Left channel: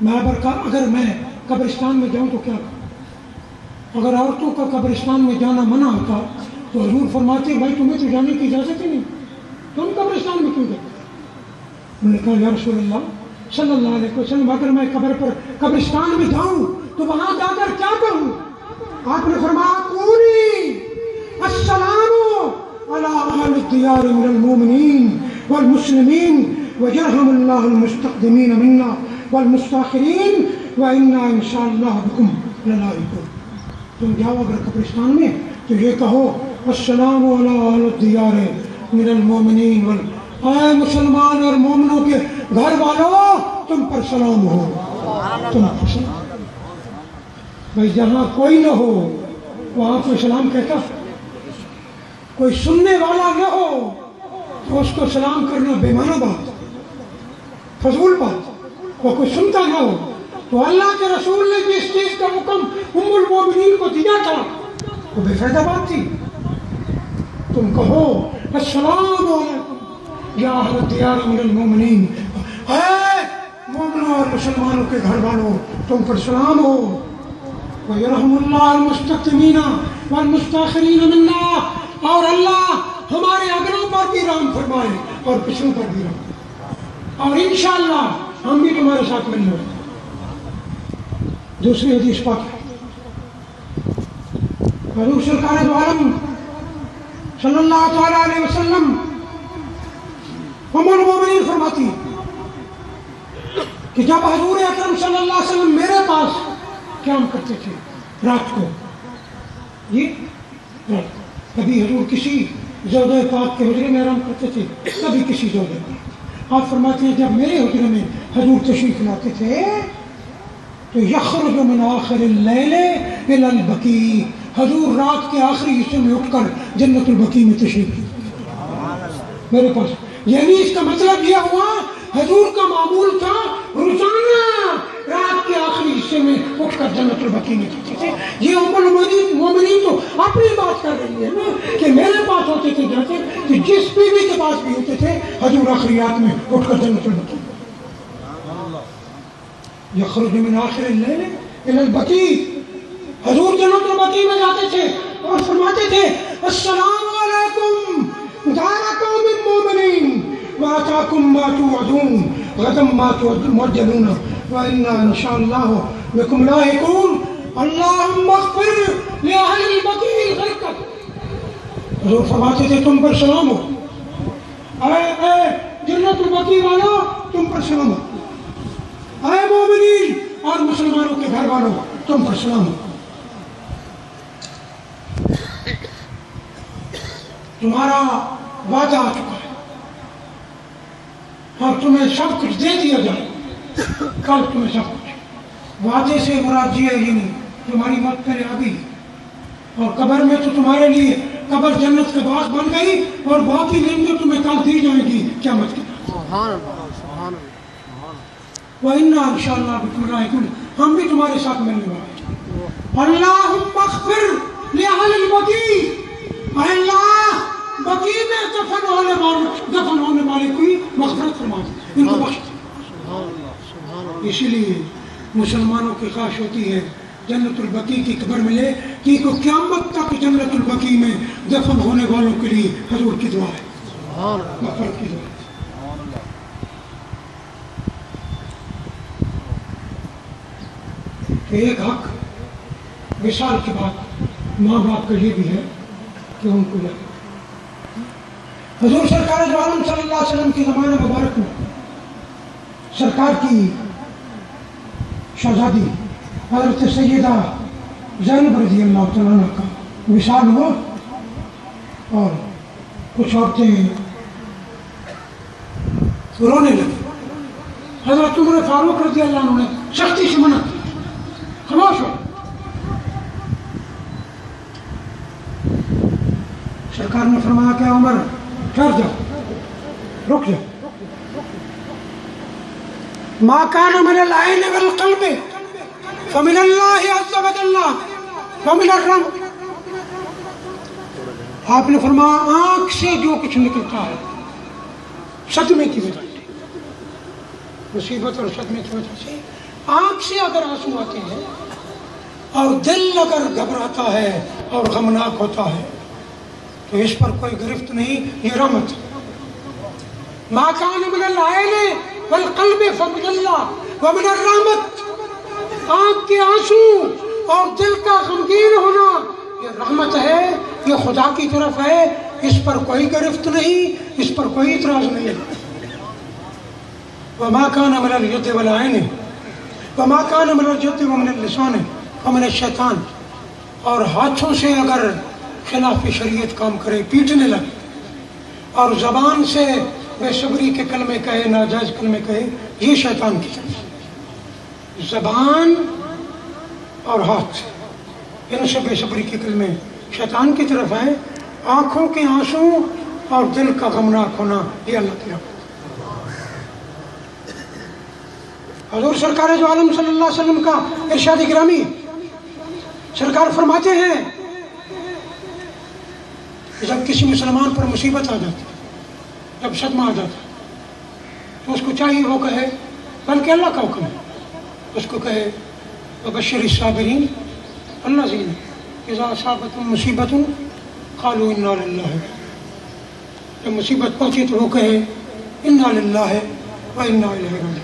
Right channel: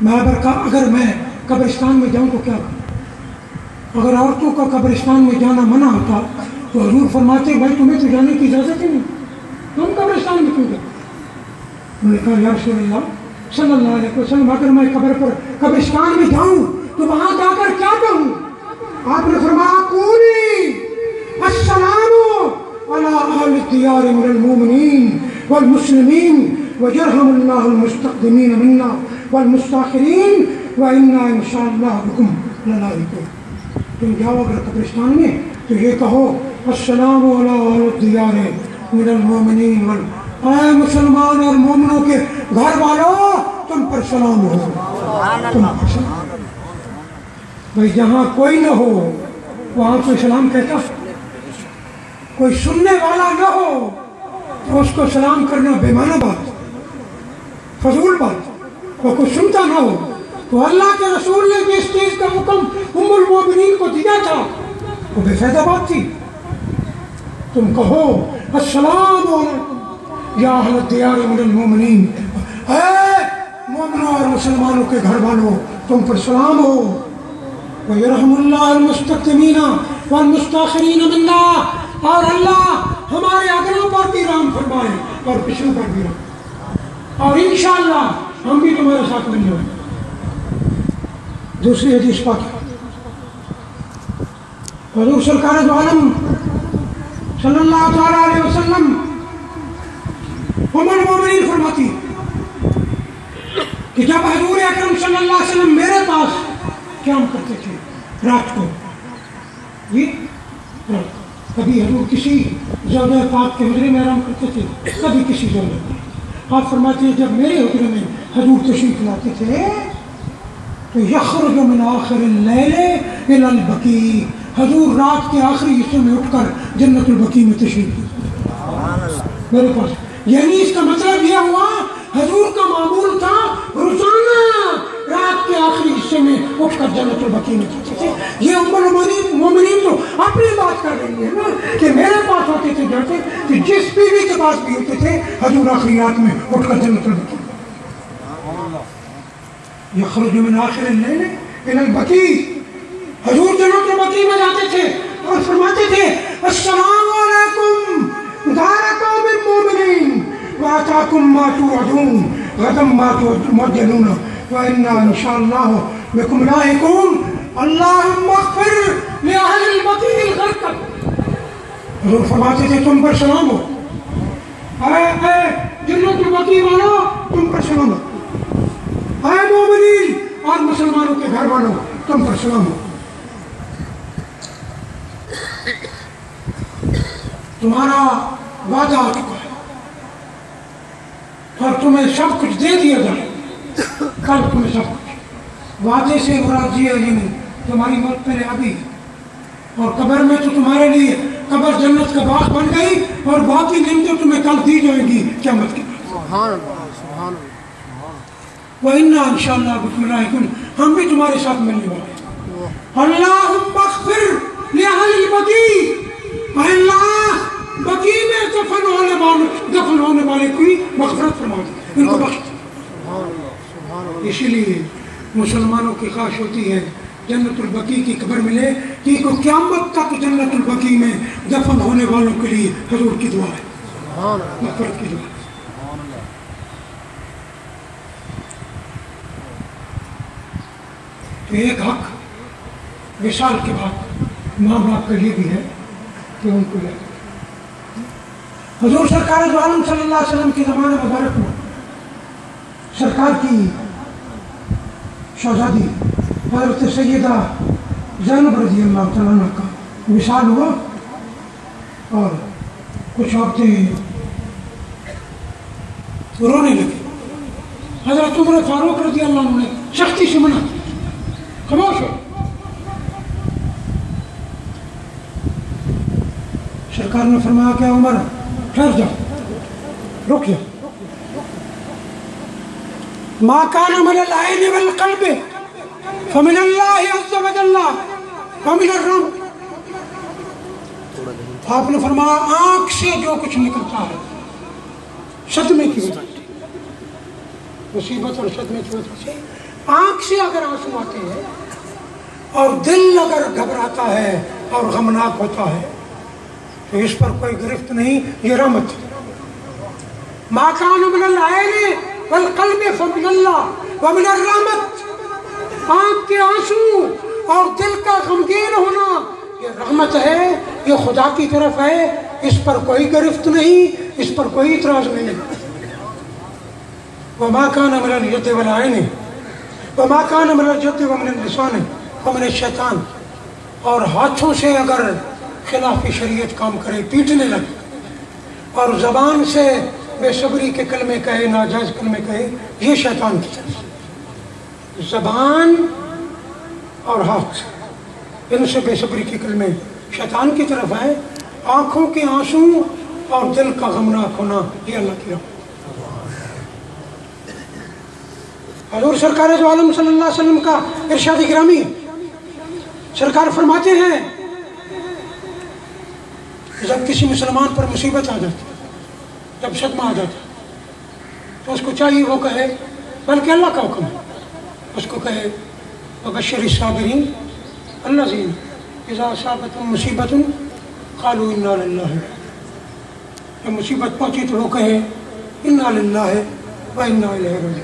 اگر میں قبرستان میں جاؤں تو کیا کروں؟ اگر عورتوں کا قبرستان میں جانا منع ہوتا تو حضور فرماتے بھائی تمہیں تو جانے کی اجازت ہی نہیں، تم قبرستان میں کیوں جاتے؟ انہوں نے کہا یا رسول اللہ صلی اللہ علیہ وسلم اگر میں قبرستان میں جاؤں تو وہاں جا کر کیا کہوں؟ آپ نے فرمایا قولی السلام علی اہل الدیار من المؤمنین والمسلمین ویرحم اللہ المستقدمین منا والمستاخرین وإنا انشاءاللہ بکم للاحقون۔ تم جاؤ اگر قبرستان میں تو یہ کہو السلام علی اہل الدیار من المؤمنین اے مسلمان اور مومنوں کے گھر والوں تم پر سلام ہو، تم پر سلام۔ بھائی جہاں کوئی نہ ہو وہاں کوئی سلام کہتا، کوئی سننے والا نہ ہو تو اس کو سلام کرنا بے معنی بات، فضول بات، وہ کوئی سنتا نہ ہو تو اللہ کے رسول نے جس چیز کا حکم ام المومنین کو دیا تھا وہ بے فائدہ بات تھی۔ تم کہو السلام علیکم یا اہل الدیار من المؤمنین، اے مومنوں اور مسلمانوں کے گھر والوں تم پر سلام ہو، وَيَرْحَمُ اللَّهُ الْمُسْتَقْدِمِينَ وَالْمُسْتَأْخِرِينَ مِنَّا، اور اللہ ہمارے اگلوں پر بھی رحم فرمائے اور پچھلوں پر بھی رحم، اور انشاءاللہ ہم بھی تمہارے ساتھ مل جائیں۔ دوسری حدیث پاک حضور سرکار دو عالم صلی اللہ تعالیٰ علیہ وسلم ام المومنین فرماتی کہ جب حضور اکرم صلی اللہ علیہ وسلم میرے پاس قیام کرتے تھے رات کو، کبھی حضور کسی زوجہ پاک کے حجرے میں آرام کرتے تھے، کبھی کسی زوجہ پاک۔ آپ فرماتے ہیں جب میرے حجرے میں حضور تشریف لاتے تھے تو یخرج من آخر اللیل الی البقیع، حضور رات کے آخری حصے میں اٹھ کر جنت البقیع میں تشریف میرے پاس۔ یعنی اس کا مطلب یہ ہوا حضور کا معمول تھا روزانہ رات کے آخری حصے میں اٹھ کر جنت البقیع میں جاتے تھے۔ یہ ام المومنین تو اپنی بات کر رہی ہے نا کہ میرے پاس ہوتے تھے جاتے، کہ جس بیوی کے پاس بھی ہوتے تھے حضور آخری رات میں اٹھ کر جنت البقیع، یخرج من آخر اللیل الی البقیع، حضور جنت البقیع میں جاتے تھے اور فرماتے تھے السلام علیکم دار قوم مومنین وآتاکم ما توعدون غدا ما تمجلون وإنا انشاءاللہ بکم لاحقون اللہم اغفر لأہل البقیع الغرقد۔ حضور فرماتے تھے تم پر سلام ہو، اے جنت البقیع والوں تم پر سلام ہو، اے مومنین اور مسلمانوں کے گھر والوں تم پر سلام ہو، تمہارا وعدہ آ چکا ہے اور تمہیں سب کچھ دے دیا جائے، کل تمہیں سب کچھ۔ وعدے سے مراد یہ نہیں تمہاری موت پہلے آ گئی اور قبر میں تو تمہارے لیے قبر جنت کا باغ بن گئی اور بہت ہی نعمتیں تمہیں کل دی جائیں گی قیامت کے بعد۔ سبحان اللہ سبحان اللہ۔ وَإِنَّا إِنشَاءَ بِكُمْ لَاحِقُونَ، ہم بھی تمہارے ساتھ ملنے والے ہیں۔ اللہم اغفر لأہل البقیع، اے اللہ بقیع میں دفن ہونے والے کی مغفرت فرما دے، ان کو بخش دے۔ اسی لیے مسلمانوں کی خواہش ہوتی ہے جنت البقیع کی قبر ملے، کہ قیامت تک جنت البقیع میں دفن ہونے والوں کے لیے حضور کی دعا ہے، مغفرت کی دعا ہے۔ تو ایک حق وصال کے بعد ماں باپ کا یہ بھی ہے کہ ان کو یاد۔ حضور سرکار دو عالم صلی اللہ علیہ وسلم کی زمانے مبارک میں سرکار کی شہزادی حضرت سیدہ زینب رضی اللہ تعالیٰ عنہ کا وصال ہوا اور کچھ عورتیں رونے لگی۔ حضرت عمر فاروق رضی اللہ عنہ نے سختی سے منع کی، خاموش ہو۔ سرکار نے فرمایا کہ عمر ٹھہر جا، رک جا، ما کان من العین والقلب فمن اللہ عز وجل ومن الرب۔ آپ نے فرمایا آنکھ سے جو کچھ نکلتا ہے صدمے کی وجہ سے، مصیبت اور صدمے کی وجہ سے آنکھ سے اگر آنسو آتے ہیں اور دل اگر گھبراتا ہے اور غمناک ہوتا ہے تو اس پر کوئی گرفت نہیں، یہ رحمت ہے۔ ما کان من العین والقلب فمن اللہ ومن الرحمت، آنکھ کے آنسو اور دل کا غمگین ہونا یہ رحمت ہے، یہ خدا کی طرف ہے، اس پر کوئی گرفت نہیں، اس پر کوئی اعتراض نہیں۔ وما کان من الید والعین وما کان من الجد ومن اللسان ومن الشیطان، اور ہاتھوں سے اگر خلاف شریعت کام کرے، پیٹنے لگے، اور زبان سے بے صبری کے کلمے کہے، ناجائز کلمے کہے، یہ شیطان کی طرف سے۔ زبان اور ہاتھ ان سے بے صبری کے کلمے شیطان کی طرف ہے، آنکھوں کے آنسو اور دل کا غمناک ہونا یہ اللہ کی رحمت۔ حضور سرکار جو عالم صلی اللہ علیہ وسلم کا ارشاد گرامی، سرکار فرماتے ہیں کہ جب کسی مسلمان پر مصیبت آ جاتی، جب صدمہ آ جاتا تو اس کو چاہیے وہ کہے، بلکہ اللہ کا حکم ہے، اس کو کہے وبشر الصابرین الذین اذا اصابتهم مصیبۃ قالوا انا للہ، جب مصیبت پہنچی تو وہ کہے انا للہ وانا الیہ راجعون۔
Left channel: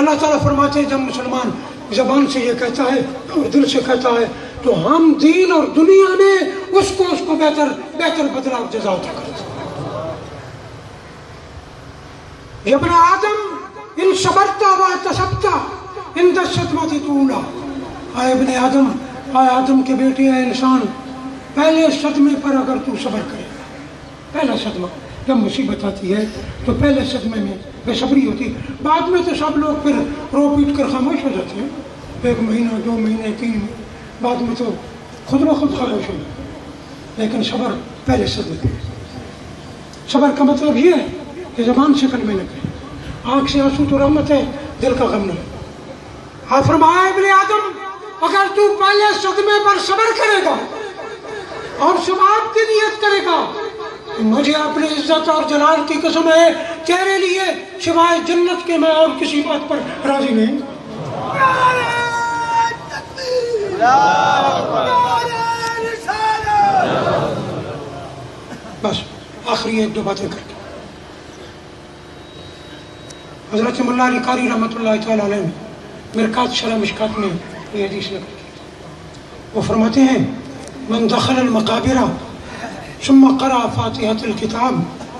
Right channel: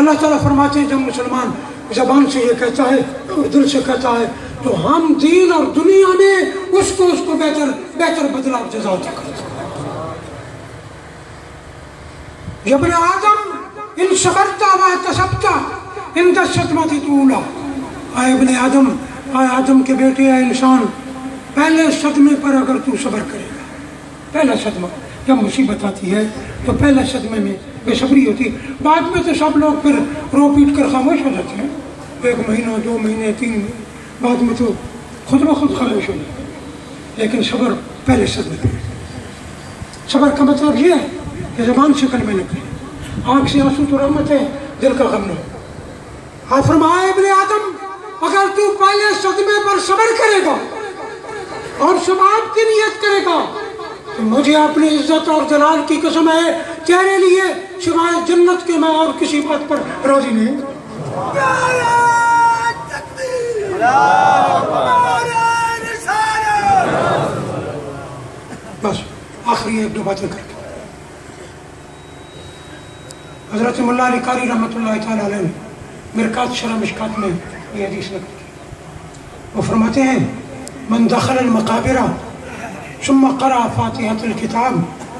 اللہ تعالیٰ فرماتے ہیں جب مسلمان زبان سے یہ کہتا ہے اور دل سے کہتا ہے تو ہم دین اور دنیا میں اس کو بہتر بدلہ اور جزا عطا کرتے ہیں۔ یا ابن آدم ان صبرت واحتسبت عند الصدمۃ الاولی، اے ابن آدم، اے آدم کے بیٹے، اے انسان، پہلے صدمے پر اگر تو صبر کرے گا، پہلا صدمہ جب مصیبت آتی ہے تو پہلے صدمے میں بے صبری ہوتی ہے، بعد میں تو سب لوگ پھر رو پیٹ کر خاموش ہو جاتے ہیں، 1 مہینہ 2 مہینے 3 مہینے بعد میں تو خود بخود خاموش ہو جاتے ہیں، لیکن صبر پہلے صدمے۔ صبر کا مطلب یہ ہے کہ زبان سے کلمے نکلے، آنکھ سے آنسو تو رحمت ہے، دل کا غم نہ ہو۔ آپ فرمایا ابن آدم اگر تو پہلے صدمے پر صبر کرے گا اور ثواب کی نیت کرے گا تو مجھے اپنی عزت اور جلال کی قسم ہے تیرے لیے سوائے جنت کے میں اور کسی بات پر راضی نہیں۔ بس آخری 1-2 باتیں کر کے حضرت مولا علی قاری رحمۃ اللہ تعالیٰ علیہ نے مرکات شرح مشکات میں یہ حدیث نقل کی، وہ فرماتے ہیں من دخل المقابر ثم قرأ فاتحة الكتاب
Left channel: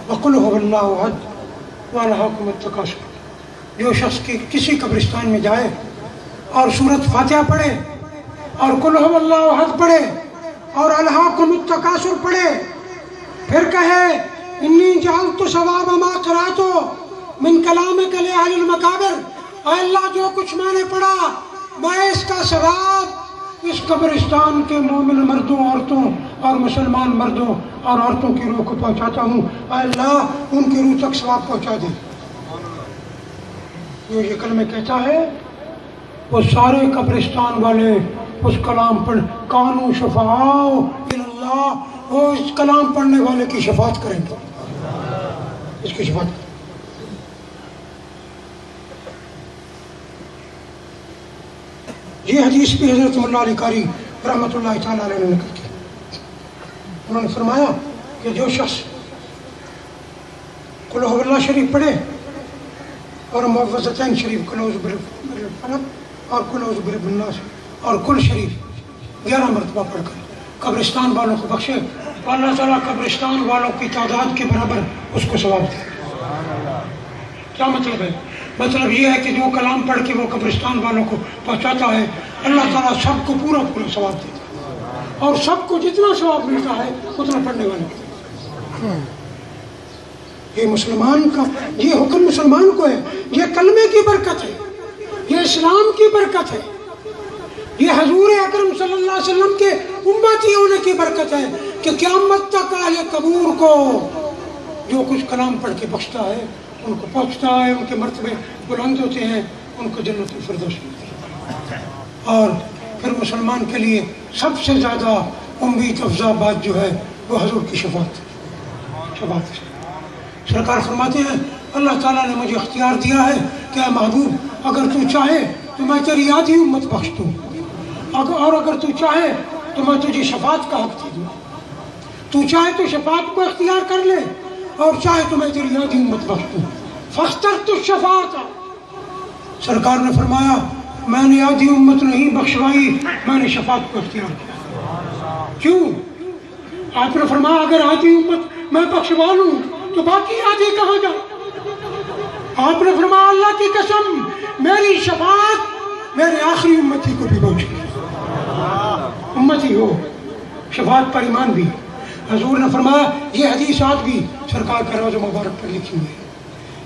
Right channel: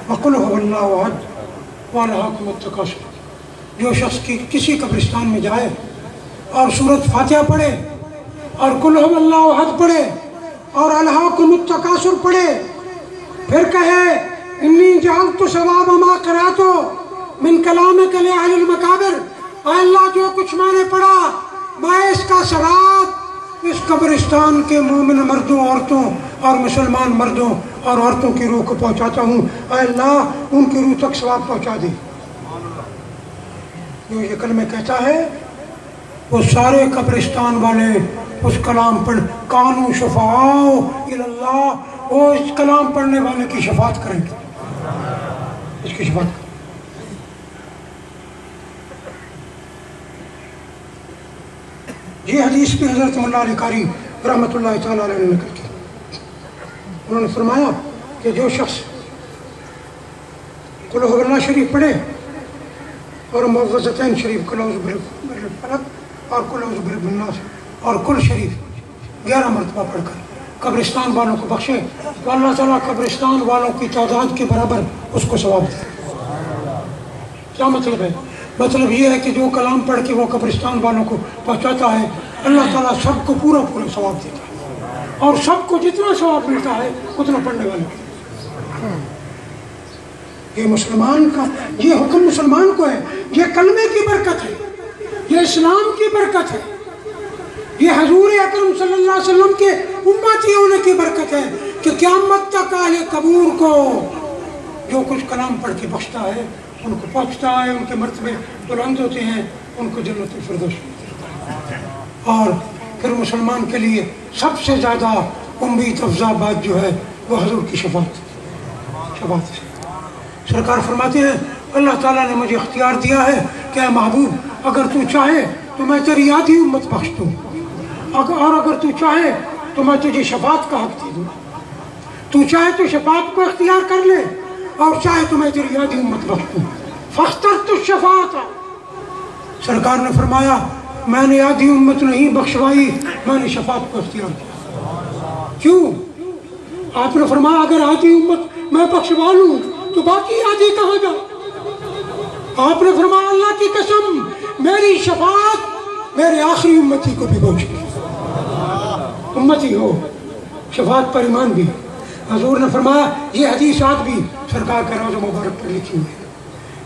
وقل هو الله احد وألهاكم التكاثر، جو شخص کسی قبرستان میں جائے اور سورۃ فاتحہ پڑھے اور قل هو الله احد پڑھے اور ألهاكم التكاثر پڑھے، پھر کہے انی جعلت ثواب ما قرأت من کلامک لأہل المقابر، اے اللہ جو کچھ میں نے پڑھا میں اس کا ثواب اس قبرستان کے مومن مردوں، عورتوں اور مسلمان مردوں اور عورتوں کی روح کو پہنچاتا ہوں، اے اللہ ان کی روح تک ثواب پہنچا دے۔ جو یہ کلمہ کہتا ہے وہ سارے قبرستان والے اس کلام پڑھ کانو شفاعو اللہ، وہ اس کلام پڑھنے والے کی شفاعت کریں گے، اس کی شفاعت کریں۔ یہ حدیث بھی حضرت مولا علی قاری رحمۃ اللہ تعالیٰ علیہ نے نقل کی، انہوں نے فرمایا کہ جو شخص قل هو اللہ شریف پڑھے اور معوذتین شریف قل اعوذ برب الفلق اور قل اعوذ برب الناس اور کل شریف 11 مرتبہ پڑھ کر قبرستان والوں کو بخشے تو اللہ تعالیٰ قبرستان والوں کی تعداد کے برابر اس کو ثواب دے۔ کیا مطلب ہے؟ مطلب یہ ہے کہ جو کلام پڑھ کے وہ قبرستان والوں کو پہنچاتا ہے اللہ تعالیٰ سب کو پورا ثواب دیتا ہے، اور سب کو جتنا ثواب ملتا ہے اتنا پڑھنے والے کو۔ یہ مسلمان کا یہ حکم مسلمان کو ہے، یہ کلمے کی برکت ہے، یہ اسلام کی برکت ہے، یہ حضور اکرم صلی اللہ علیہ وسلم کے امتی ہونے کی برکت ہے کہ قیامت تک اہل قبور کو جو کچھ کلام پڑھ کے بخشتا ہے ان کو پہنچتا ہے، ان کے مرتبے بلند ہوتے ہیں، ان کو جنت الفردوس ملتی ہے۔ اور پھر مسلمان کے لیے سب سے زیادہ امید افزا بات جو ہے وہ حضور کی شفاعت ہے۔ سرکار فرماتے ہیں اللہ تعالیٰ نے مجھے اختیار دیا ہے کہ اے محبوب اگر تو چاہے تو میں تیری آدھی امت بخش دوں، اور اگر تو چاہے تو میں تجھے شفاعت کا حق دے دوں۔ تو چاہے تو شفاعت کو اختیار کر لے، اور چاہے تو میں تیری آدھی امت بخش دوں۔ فاخترت الشفاعۃ، سرکار نے فرمایا میں نے آدھی امت نہیں بخشوائی، میں نے شفاعت کو اختیار کیا۔ کیوں؟ آپ نے فرمایا اگر آدھی امت میں بخشوا لوں تو باقی آدھی کہاں جائے؟ آپ نے فرمایا اللہ کی قسم میری شفاعت میرے آخری امتی کو بھی پہنچے گی۔ امتی ہو، شفاعت پر ایمان بھی۔ حضور نے فرمایا یہ حدیثات بھی سرکار کے روضہ مبارک پر لکھی ہوئی ہے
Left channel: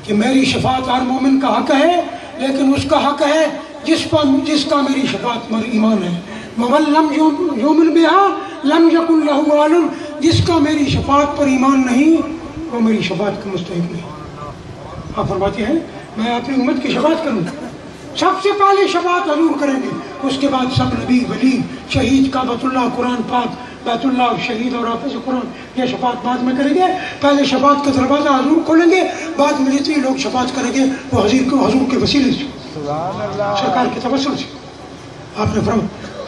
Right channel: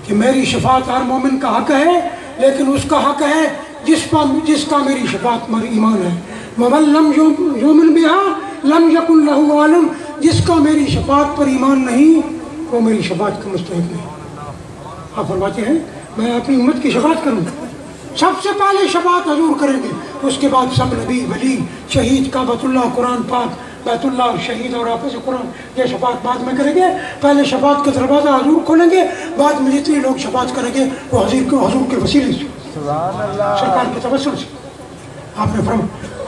کہ میری شفاعت ہر مومن کا حق ہے، لیکن اس کا حق ہے جس کا میری شفاعت پر ایمان ہے۔ وَمَن لَمْ يُؤْمِن بِهَا لَمْ يَكُنْ لَهُ عَالِمٌ، جس کا میری شفاعت پر ایمان نہیں وہ میری شفاعت کا مستحق نہیں۔ آپ فرماتے ہیں میں اپنی امت کی شفاعت کروں، سب سے پہلے شفاعت حضور کریں گے، اس کے بعد سب نبی ولی شہید کعبۃ اللہ قرآن پاک بیت اللہ شہید اور حافظ قرآن یہ شفاعت بعد میں کریں گے۔ پہلے شفاعت کا دروازہ حضور کھولیں گے، بعد میں جتنے لوگ شفاعت کریں گے وہ حضور کے وسیلے سے، سرکار کے توسل سے۔ آپ نے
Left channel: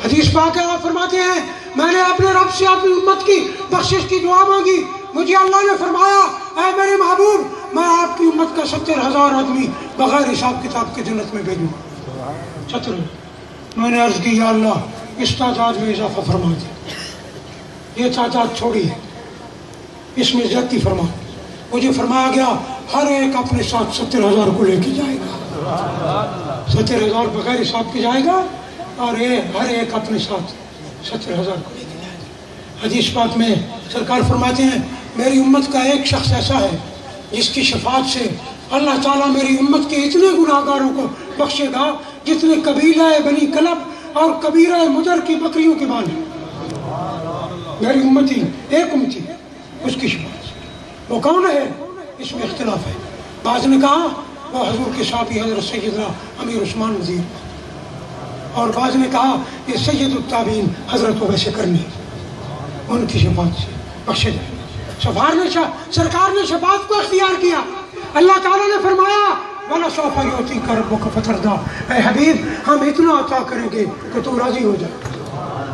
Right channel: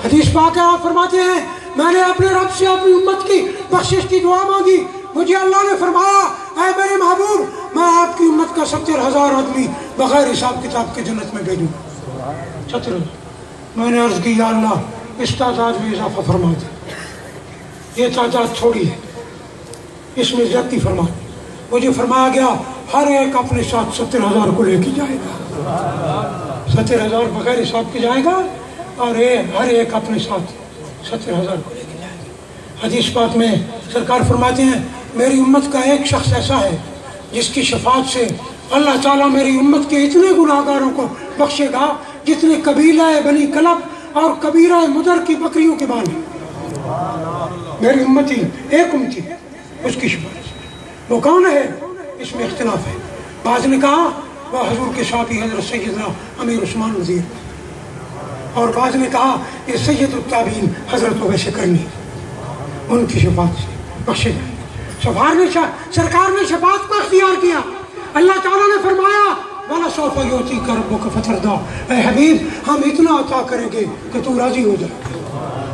حدیث پاک ہے، آپ فرماتے ہیں میں نے اپنے رب سے اپنی امت کی بخشش کی دعا مانگی، مجھے اللہ نے فرمایا اے میرے محبوب میں آپ کی امت کا 70,000 آدمی بغیر حساب کتاب کے جنت میں بھیجوں۔ 70 میں نے عرض کی یا اللہ اس تعداد میں اضافہ فرما دے، یہ تعداد تھوڑی ہے، اس میں زیادتی فرما دے۔ مجھے فرمایا گیا ہر ایک اپنے ساتھ 70,000 کو لے کے جائے گا، 70,000 بغیر حساب کے جائے گا، اور ہر ایک اپنے ساتھ 70,000 کو لے کے جائے گا۔ حدیث پاک میں سرکار فرماتے ہیں میری امت کا ایک شخص ایسا ہے جس کی شفاعت سے اللہ تعالیٰ میری امت کے اتنے گناہ گاروں کو بخشے گا جتنے قبیلہ بنی کلب اور کبیرہ مدر کی بکریوں کے بال ہیں۔ میری امتی ایک امتی ہے اس کی شفاعت سے۔ وہ کون ہے اس میں اختلاف ہے، بعض نے کہا وہ حضور کے صحابی حضرت سیدنا امیر عثمان وزیر، اور بعض نے کہا یہ سید التابعین حضرت اویس کرنی، ان کی شفاعت سے بخشے جائیں۔ سرکار نے شفاعت کو اختیار کیا، اللہ تعالیٰ نے فرمایا وَلَسَوْفَ يُعْطِيكَ رَبُّكَ فَتَرْضَىٰ، اے حبیب ہم اتنا عطا کریں گے کہ تم راضی ہو جائے۔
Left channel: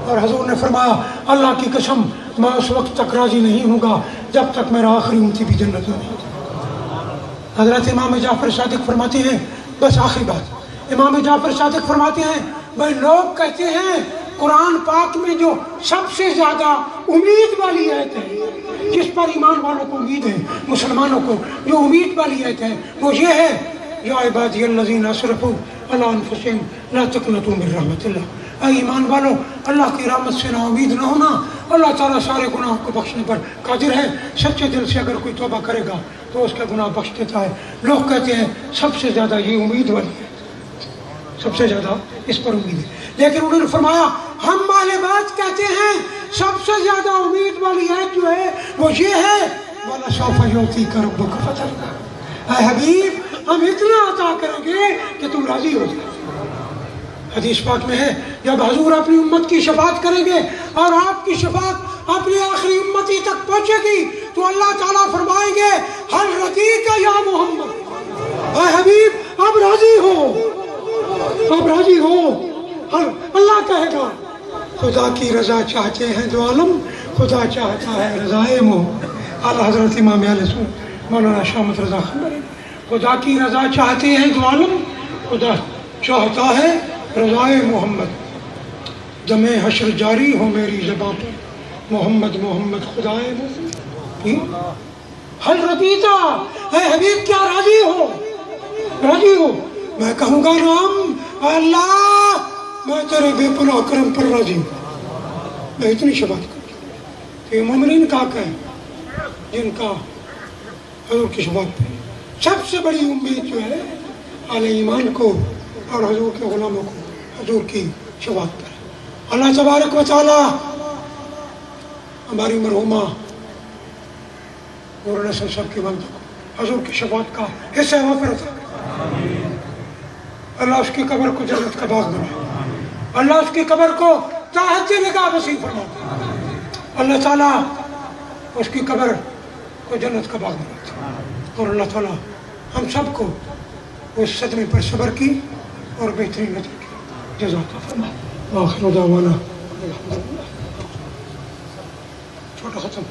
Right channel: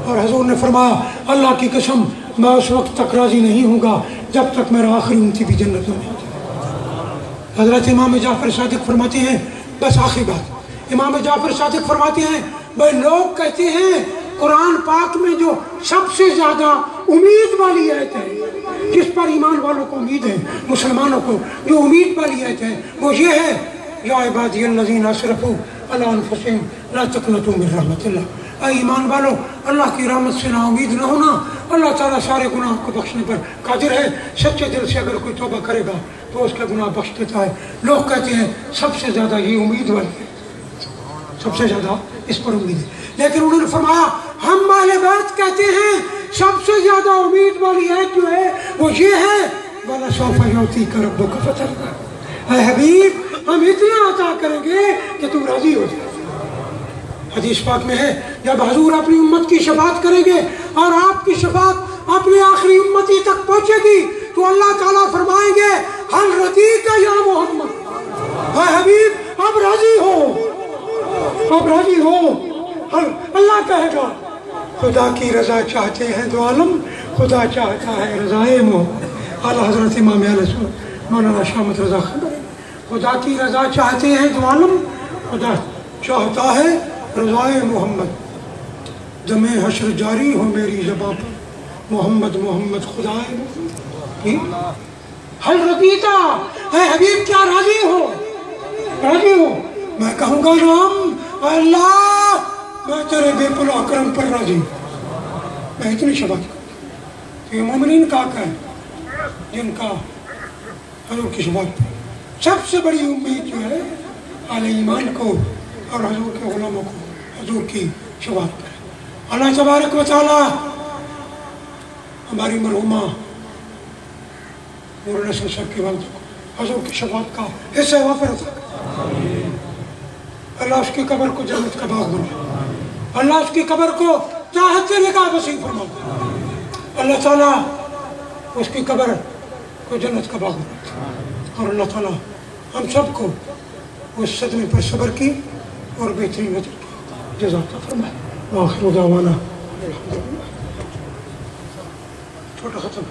اور حضور نے فرمایا اللہ کی قسم میں اس وقت تک راضی نہیں ہوں گا جب تک میرا آخری امتی بھی جنت میں نہیں جائے۔ حضرت امام جعفر صادق فرماتے ہیں، بس آخری بات، امام جعفر صادق فرماتے ہیں بھائی لوگ کہتے ہیں قرآن پاک میں جو سب سے زیادہ امید والی آیت ہے، جس پر ایمان والوں کو امید ہے، مسلمانوں کو جو امید والی آیت ہے وہ یہ ہے یا عبادی الذین اسرفوا علی انفسہم لا تقنطوا من رحمت اللہ، اے ایمان والو اللہ کی رحمت سے نا امید نہ ہونا، اللہ تعالیٰ سارے گناہوں کو بخشنے پر قادر ہے، سچے دل سے اگر کوئی توبہ کرے گا تو اس کا گناہ بخش دیتا ہے۔ لوگ کہتے ہیں سب سے زیادہ یہ امید والی ہے، سب سے زیادہ اس پر امید ہے، لیکن انہوں نے فرمایا ہم اہل بیت کہتے ہیں سب سے زیادہ امید والی آیت جو ہے وہ یہ ہے وَلَسَوْفَ يُعْطِيكَ رَبُّكَ فَتَرْضَىٰ، اے حبیب ہم اتنا عطا کریں گے کہ تم راضی ہو جائے۔ حدیث پاک میں ہے جب حضور اپنی امت کی شفاعت کریں گے اور آپ کی شفاعت اپنی آخری امتی تک پہنچے گی تو اللہ تعالیٰ فرمائیں گے حل رضیت یا محمد، اے حبیب اب راضی ہو، اب راضی ہو۔ اللہ کہے گا خدا کی رضا چاہتے ہیں دو عالم، خدا چاہتا ہے رضائے محمد۔ اعلیٰ حضرت امام اہل سنت مولانا شاہ احمد رضا خانبری، خدا کی رضا چاہتے ہیں دو عالم، خدا چاہتا ہے رضائے محمد، دم حشر جاری ہو میری زباں پر محمد محمد خدائے محمد۔ حل رضیتا، اے حبیب کیا راضی ہو؟ راضی ہو؟ میں کہوں گا نام اے اللہ میں تیرے بے پناہ کرم پر راضی ہوں، میں اتنی شفاعت کروں۔ یہ مومنین کا حق ہے جن کا حضور کی شفاعت پر سب سے بڑی امید جو ہے اہل ایمان کو اور حضور کے غلاموں کو حضور کی شفاعت پر ہے۔ اللہ تبارک و تعالی ہماری مرحومہ نور نسل صاحب کی والدہ کو حضور کی شفاعت کا حصہ وافر عطا کرے۔ اللہ اس کی قبر کو جنت کا باغ بنائے، اللہ اس کی قبر کو چاہتے نگاہ وسیع فرمائے، اللہ تعالیٰ اس کی قبر کو جنت کا باغ بنائے، اور اللہ تعالیٰ ہم سب کو اس صدمے پر صبر کی اور بہترین وجہ کی جزاک اللہ آخر دعوانا چھوٹا ختم